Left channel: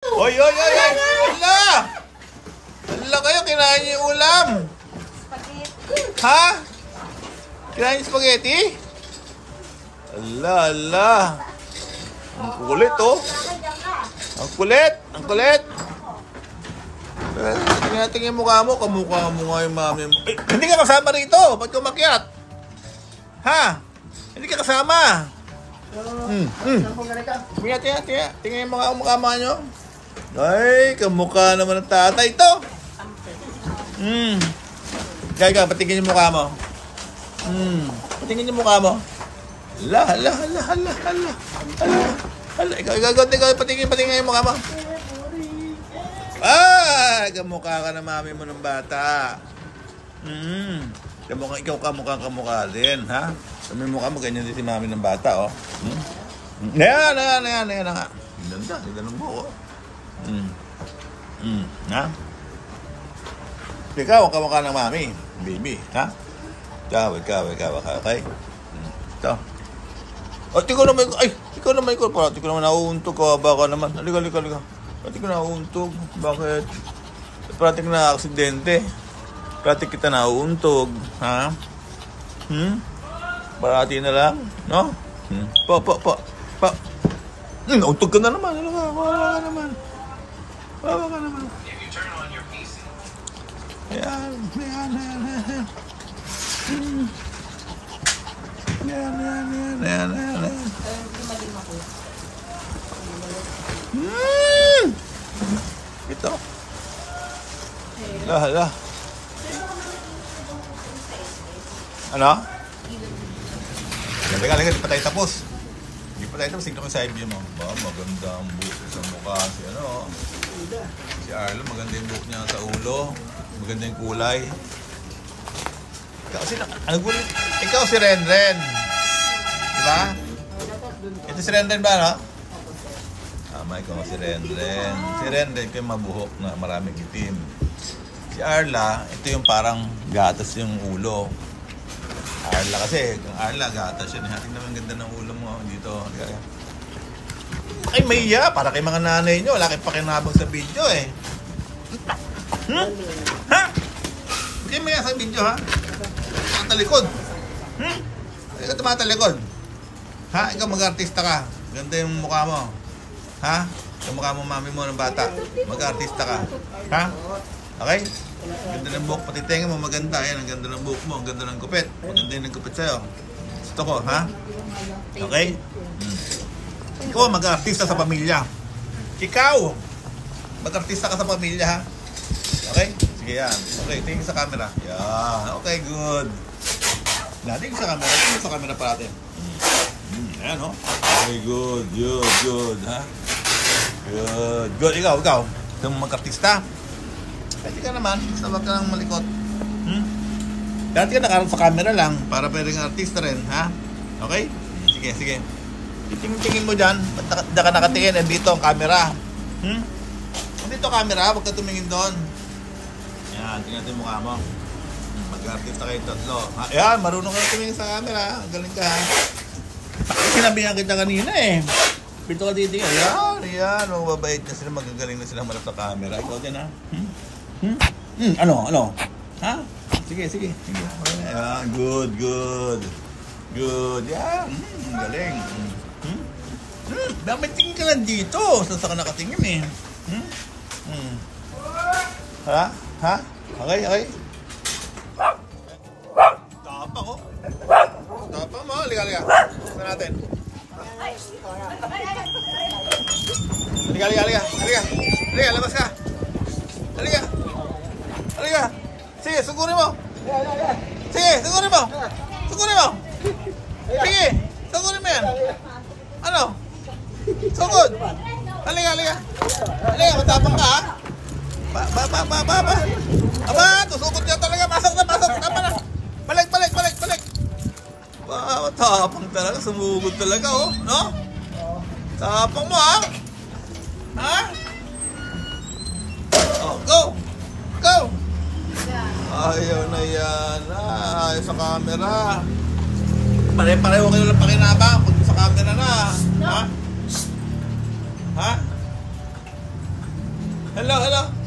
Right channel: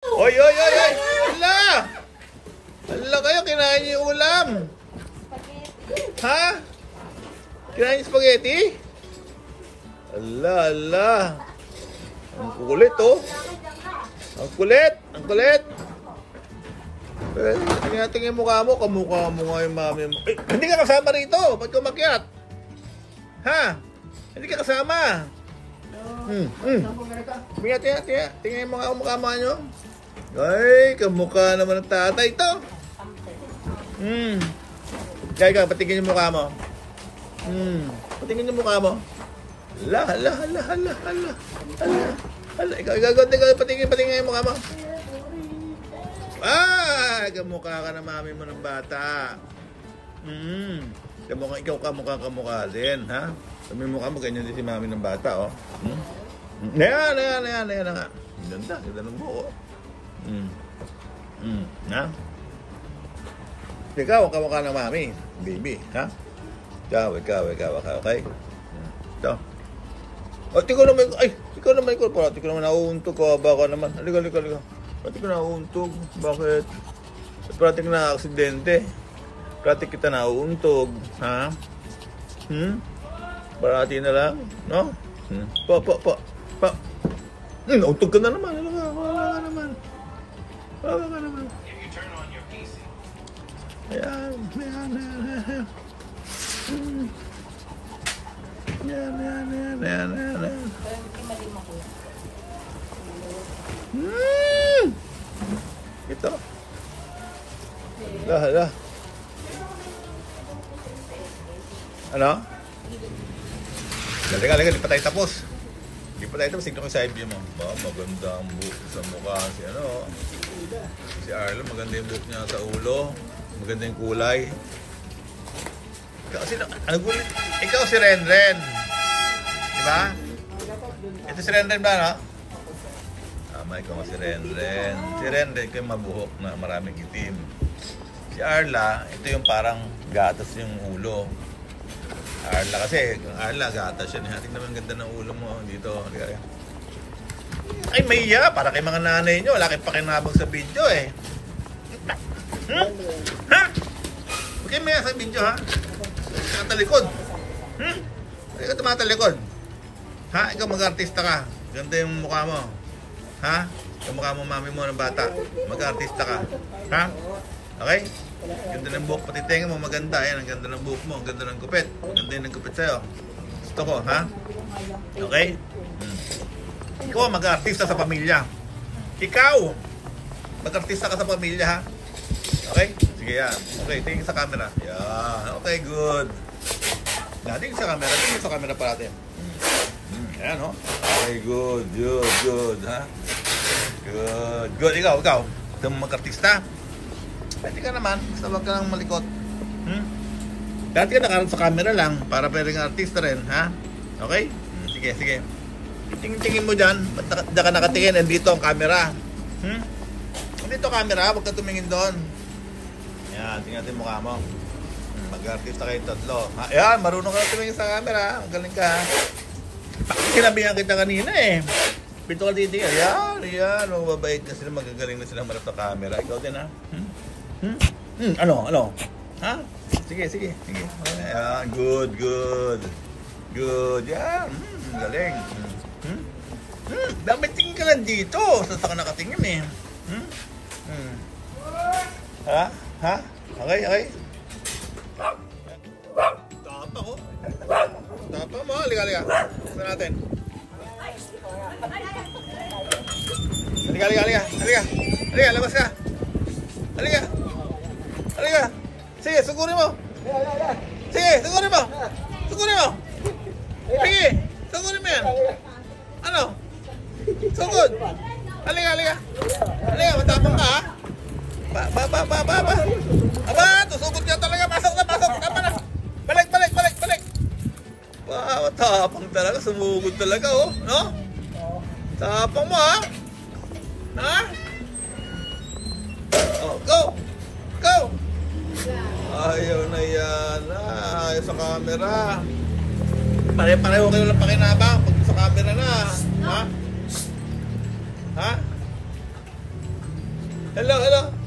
Oy, oy, oy, oy! Hala! Hala kayo, kinain niyo yung ulam! Ha? Kinain niyo spaghetti? Hala, hala! Ang kulit, oh! Ang kulit! Ang kulit! Tingnan yung mukha mo. Kamukha mo nga yung mami mo. Eh, hindi ka kasama rito! Ba't ka umakyat? Ha? Hindi ka kasama! Tingnan yung mga mukha nyo. Ay, kamukha naman ng tatay ito. Kaya patingin yung mukha mo. Patingin yung mukha mo. Hala, hala, hala, hala, hala, hala, hala. Ikaw, patingin yung mukha mo. Ah, kamukha ka na mami mo ng bata. Ikaw kamukha din, ha? Sabi mukha mo, ganyan din si mami ng bata, oh. Ayan na nga. Ganda ng buko. Ha? Ikaw, kamukha ng mami, baby, ha? Ikaw, okay? Ito. Oh, ikaw naman, parati ko naman nauuntog ka, baka naman. Halika. Parati ko nauuntog, bakit? Parati ko na-aksidente. Parati kita nauuntog, ha? Parati na lang, no? Nauntog ka na naman, wawa ka naman. Ayan. Ito. Hala. Ano? Teka, di pa tayo tapos. Tignan ko sa IB mo. Maganda ang buhok sa mukha. Si Arlo, maganda yung buhok niya sa ulo. Maganda yung kulay. Ikaw si Renren. Diba? Ito si Renren ba, no? Ikaw si Renren. Si Renren ko yung mabuhok na maraming itim. Si Arla, ito yung parang gatas yung ulo. Arla kasi, gatas yan. Tingnan naman ganda ng ulo mo dito. Ay, maiya. Para kay mga nanay nyo. Wala kayong pakinabang sa video, eh. Ha? Okay, maiya sa video, ha? Tumatalikod. Ikaw tumatalikod. Ha? Ikaw mag-artista ka. Ganda yung mukha mo. Ha? Yung mukha mo, mami mo ng bata. Mag-artista ka. Ha? Okay? Ganda ng buhok. Pati tenga mo maganda. Ayan, ang ganda ng buhok mo. Ang ganda ng gupit. Maganda yung gupit sa'yo. Gusto ko, ha? Okay? Ikaw mag-artista sa pamilya. Ikaw mag-artista ka sa pamilya, ha? Okay? Sige yan. Okay, tingin sa camera. Yeah. Okay, good. Tingin sa camera. Tingin sa camera pa natin. Ayan, oh. Okay, good. Ha? Good. Ikaw. Ikaw mag-artista. Pwede ka naman, basta wag ka lang malikot. Dati ka nakaroon sa camera lang, para pwedeng artista rin, ha? Okay? Sige. Tingin mo dyan, ba't ka nakatingin, dito ang camera. Dito ang camera, wag ka tumingin doon. Yan, tingnan natin mukha mo. Mag-artista kayo tatlo. Ayan, marunong ka tumingin sa camera, magaling ka. Sinabihan kita kanina, eh. Pito ka dito, ayan, mababait na sila, magagaling na sila marap sa camera. Ikaw din, ha? Ano? Ha? Sige. Ayan, good. Yan, galing. Bakit tingin ka lang dito? Saan ka nakatingin, eh? Ha? Okay. Tapang, oh. Tapang mo, halika. Tignan natin. Halika, labas ka. Halika. Sige, sugurin mo. Sige, sugurin mo. Sige, sugurin mo yan. Ano? Sugod. Halika. Matapang ka, ha? Aba, tusugod ka talaga. Pasok na. Balik. Wow, tapang talaga. Sumugod talaga, oh. No? Tapang mo, ha? Ha? Oh, go! Ayaw na yan. Ayaw sa camera. Pare-pareho kayo lang pakinabang pag sa camera na. Ha? Hello, hello.